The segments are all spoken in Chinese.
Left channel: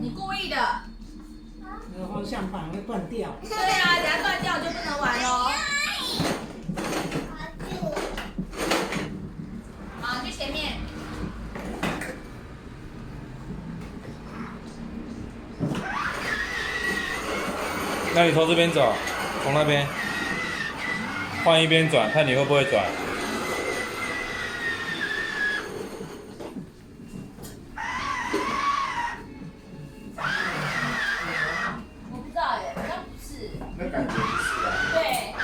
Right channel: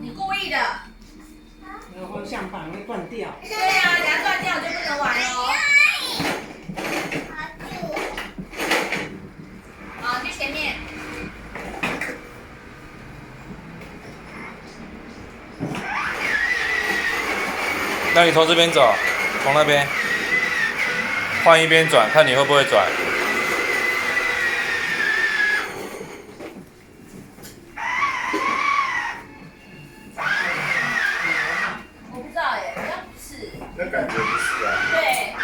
你故意的。那个方向盘会断掉。对啊，等下断掉就不能玩喽。好，去前面。那你从这边走，从那边换一边转，看你会不会转。我不知道耶，好像不是。那感觉不是啊。对。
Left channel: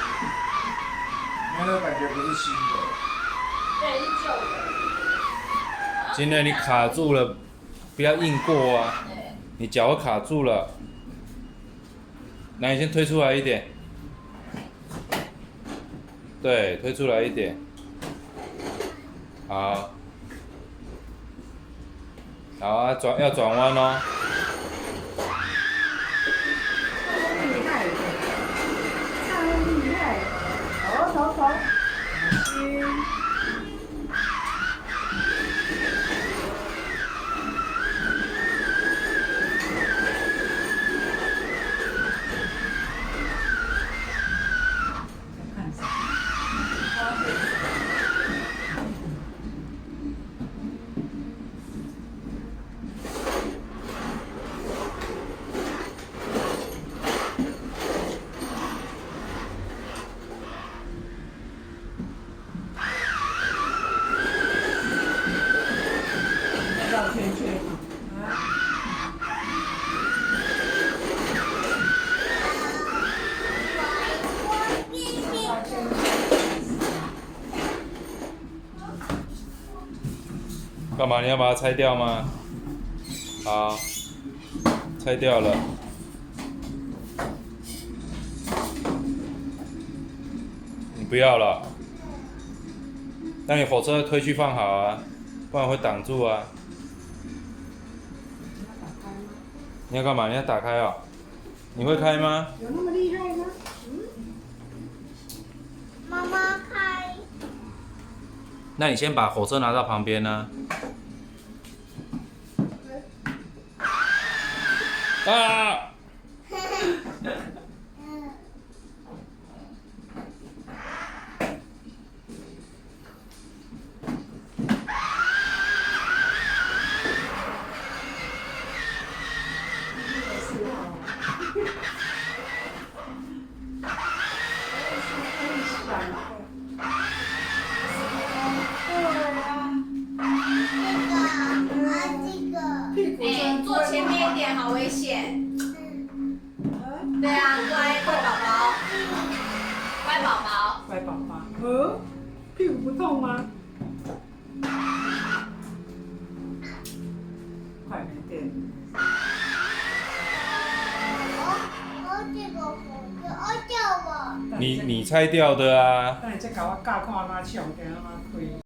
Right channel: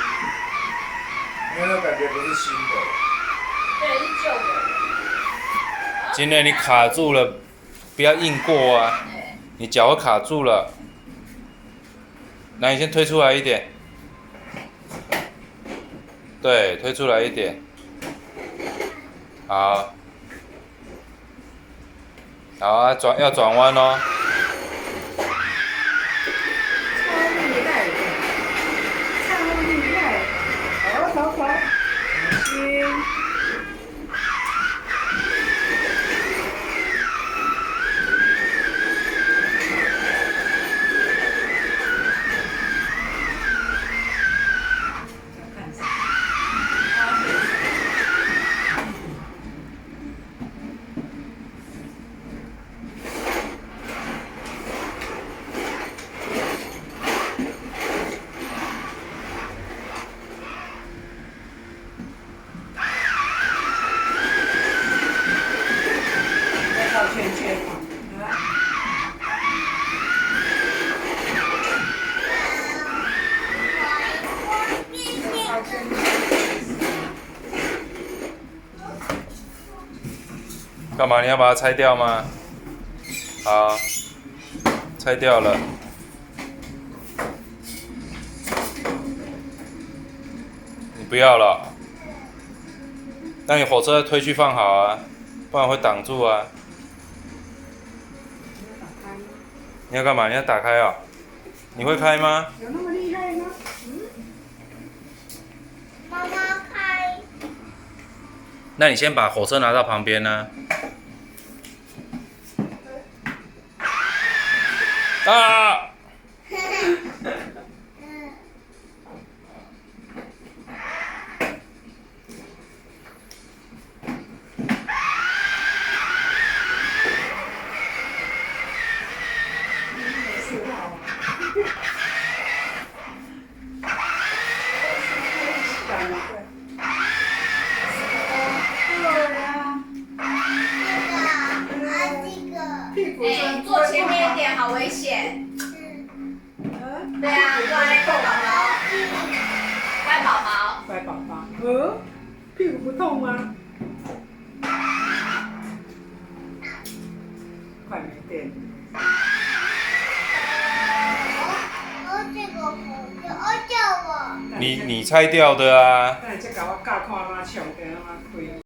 因为那感觉不是新的。对，是旧的。今天你卡住了，不要硬过啊！你脚会卡住了。那你先推出来一点。对，推出来一点。好。好啊，要转弯哦。超厉害！头，小心。绕圈圈嘛，干嘛？你要把它拆掉吗？好，拆掉了。你不要了，那你火车推去放好啊，不然会挡住啊。你要干嘛？你要打开哦？你会开吗？有那么厉害吗？妈妈开。那你先把火车拿到旁边呢、啊！哎，坐前面一点，好危险。对啊，乖宝宝，乖宝宝。乖宝宝，屁股不痛吗？快没电了。你拆掉的啊。那你再搞我教看嘛，唱歌嘛开。